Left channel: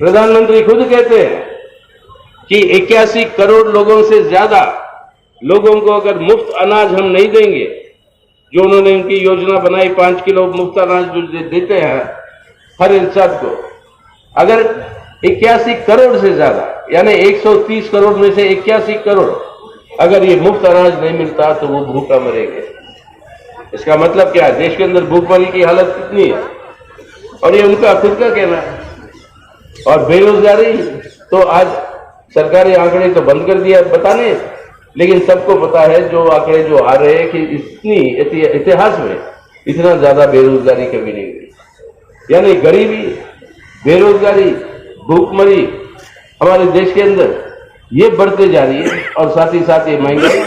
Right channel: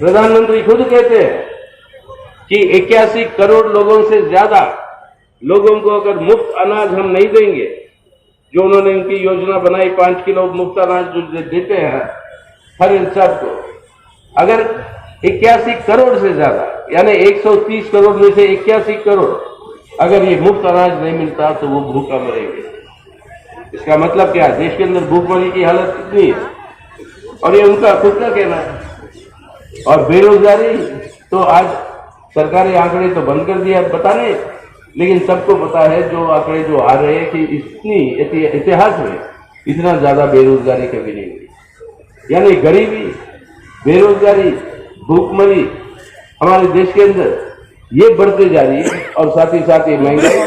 प्रधानमंत्री खुद कहते हैं कि 81 करोड़ लोगों से ज्यादा लोगों को अगर मुफ्त अनाज हम नहीं देंगे, जो उन्होंने उनकी योजना बनाई 5 किलो मुफ्त अनाज जो देते हैं हर इंसान को, अगर 81 करोड़ से ज्यादा यानी 130 करोड़ में से 81 करोड़ अगर ये मुफ्त अनाज नहीं मिलता तो वो भूखा मरेंगे। इसका मतलब क्या है? देश के अंदर भूखमरी की हालत कितनी है, और ये उनका खुद का कहना है। और बेरोजगारी तो आज सरकारी आंकड़े तो बंद कर दिया बताने, लेकिन सबको पता है जो आंकड़े जो आ रहे हैं कि इतनी इतिहास में इतना ज्यादा बेरोजगारी कभी नहीं हुई। यानी गरीबी, बेरोजगारी, भूखमरी हमारे देश के अंदर ये बढ़ते जा रही है, और साथ ही साथ ये महंगाई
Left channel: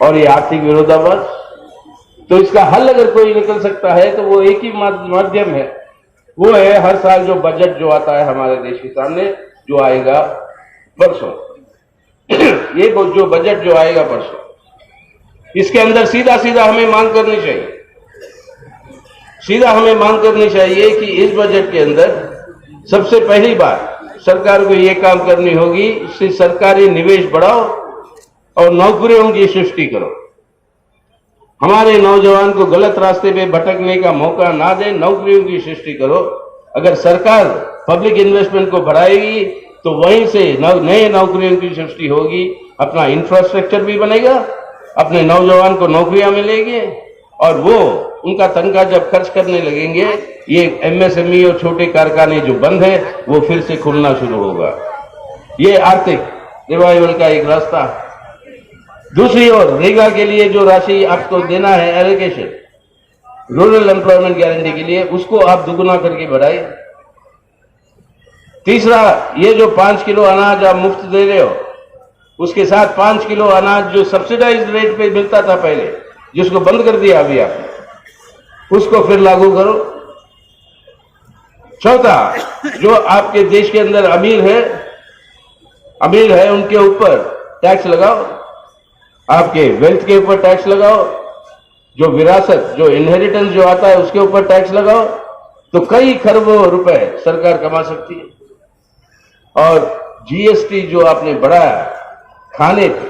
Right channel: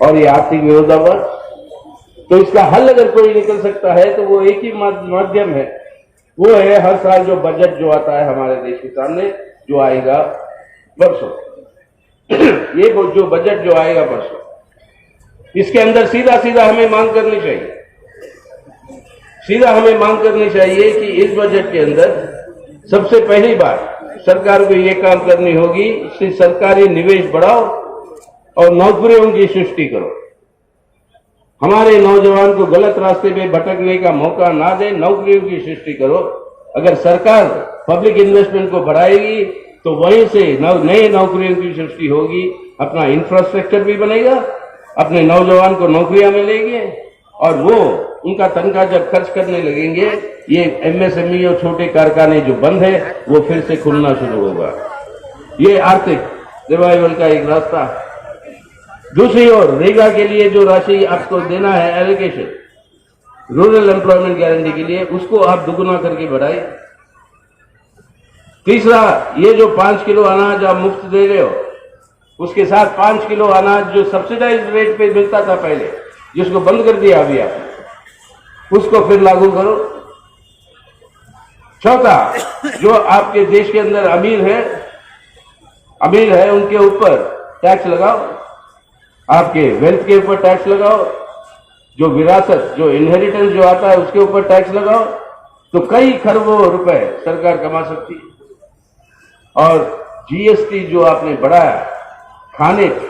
और ये आर्थिक विरोधाभास। तो इसका हल अगर कोई निकल सकता है तो वो एक ही माध्यम है, वो है हर साल जो बजट जो आता है हमारे देश के सामने, जो आएगा परसों ये जो बजट जो आएगा परसों, इसके अंदर सीधा सीधा हमें मांग करनी चाहिए, सीधा हमें मांग करनी चाहिए कि इस बजट के अंदर सबसे पहली बार सरकार को ये काम करनी होगी कि सरकारी निवेश बढ़ाओ और नौकरियों की सृष्टि करो। हमारे नौजवान को गलत रास्ते पे भटकने का मौका ना दे, नौकरियों की सृष्टि करो। अगर सरकार पब्लिक इन्वेस्टमेंट को बढ़ाएगी तो वहीं से नए नौकरियों की सृष्टि होगी, अपना इंफ्रास्ट्रक्चर भी बनेगा, अपने नौजवान को नौकरियां मिलेगी, और वो उनका तनख्वाह जब खर्च करने लगेंगे, ये एमएसएमई और छोटे कारखाने जो बंद है वो फिर से खुलना शुरू होगा। ये आर्थिक रिवाइवल का एक रास्ता। दूसरी ओर रेगा के लिए जो राशि आपको देना है एलोकेशन, रूरल एम्प्लॉयमेंट गारंटी के लिए, उसको आप दुगुना करके बढ़ाए। तीसरा, ये जो 5 किलो अनाज आप मुफ्त दे रहे हो, उसके साथ 5 किलो अनाज जो सब्सिडाइज रेट पे मिलता था पहले, जिसको बंद कर दिया अभी आपने, उसको फिर लागू करो। चौथा, जो आपके देश के अंदर अमीर है उनके ऊपर टैक्स लगाओ, आपके वेल्थ के ऊपर टैक्स लगाओ, जो विरासत जो इनहेरिटेंस जो आता है उसके ऊपर टैक्स लगाओ, तो कई खरबों रुपए सरकार कमा सकती है। और जीएसटी जो आपने बढ़ाया खाने पे,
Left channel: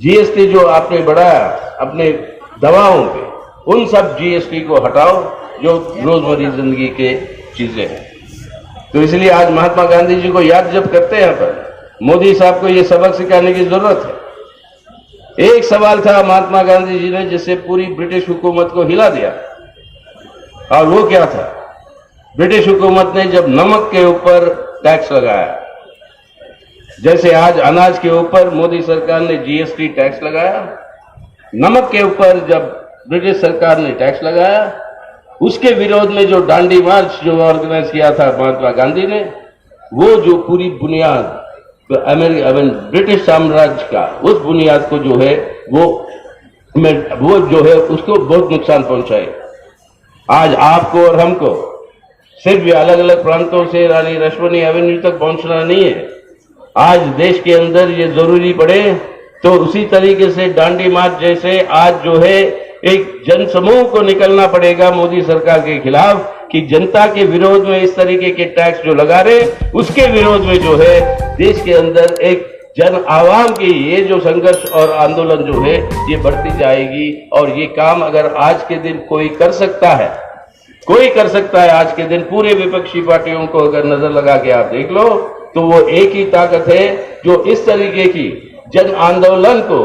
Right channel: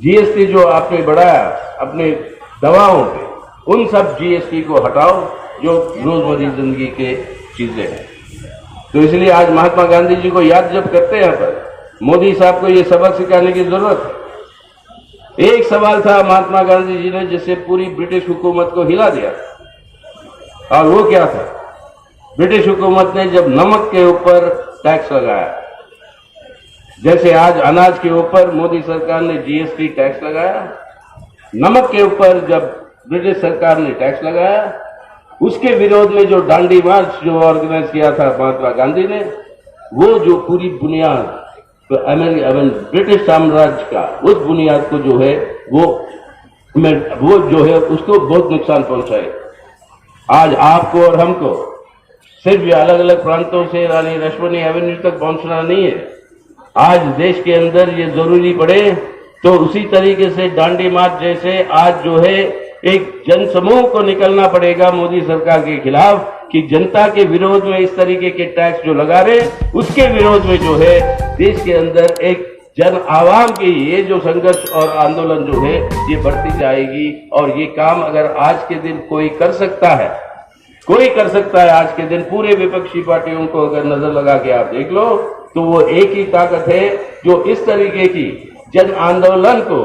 जीएसटी जो आपने बढ़ाया अपने दवाओं पे, उन सब जीएसटी को हटाओ जो रोजमर्रा जिंदगी के चीजें हैं। तो इसलिए आज महात्मा गांधी जी को याद जब करते हैं तो मोदी साहब को ये सबक सिखाने की जरूरत है। एक सवाल था महात्मा गांधी जी ने जिससे पूरी ब्रिटिश हुकूमत को हिला दिया, और वो क्या था? ब्रिटिश हुकूमत ने जब नमक के ऊपर टैक्स लगाया, जैसे आज अनाज के ऊपर मोदी सरकार ने जीएसटी टैक्स लगाया, नमक के ऊपर जब ब्रिटिश सरकार ने टैक्स लगाया, उसके विरोध में जो डांडी मार्च जो ऑर्गेनाइज किया था महात्मा गांधी ने, वो जो पूरी बुनियाद ब्रिटिश साम्राज्य का, उस बुनियाद को जो है वो जो है उसको बहुत नुकसान पहुंचाए। आज आपको और हमको सिर्फ अलग अलग प्रांतों से रानी रश्मनी एवेन्यू तक पहुंचना नहीं है। आज देश के अंदर ये जरूरी पड़े तो उसी तरीके से डांडी मार्च जैसे आज जो है एक जनसमूह को निकलना पड़ेगा मोदी सरकार के खिलाफ, कि जनता के विरोध में इस तरीके के टैक्स जो लगा रहे, उसके विरोध में जो है देश के अंदर एक जन आवाम की ये जो संघर्ष और आंदोलन जो है ये बढ़ती जाएगी। और ये काम अगर आज के दिन कोई कर सकता है, कोई कर सकता है आज के दिन, पूरे विपक्षी पार्टियों को अगर नजर लगा के आप देख लो, तो वो एक ही ताकत है जो इस तरीके की जन आंदोलन को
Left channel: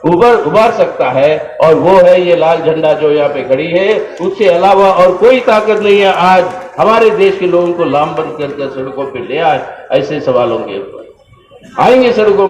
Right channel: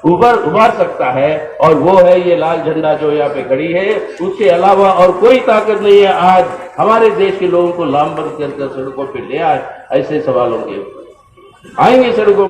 उभार सकता है, और वो है ये लाल झंडा जो यहाँ पे खड़ी है। उससे अलावा और कोई ताकत नहीं है आज हमारे देश के लोगों को लामबंद करके सड़कों पे ले आए। ऐसे सवालों के ऊपर आएंगे सड़कों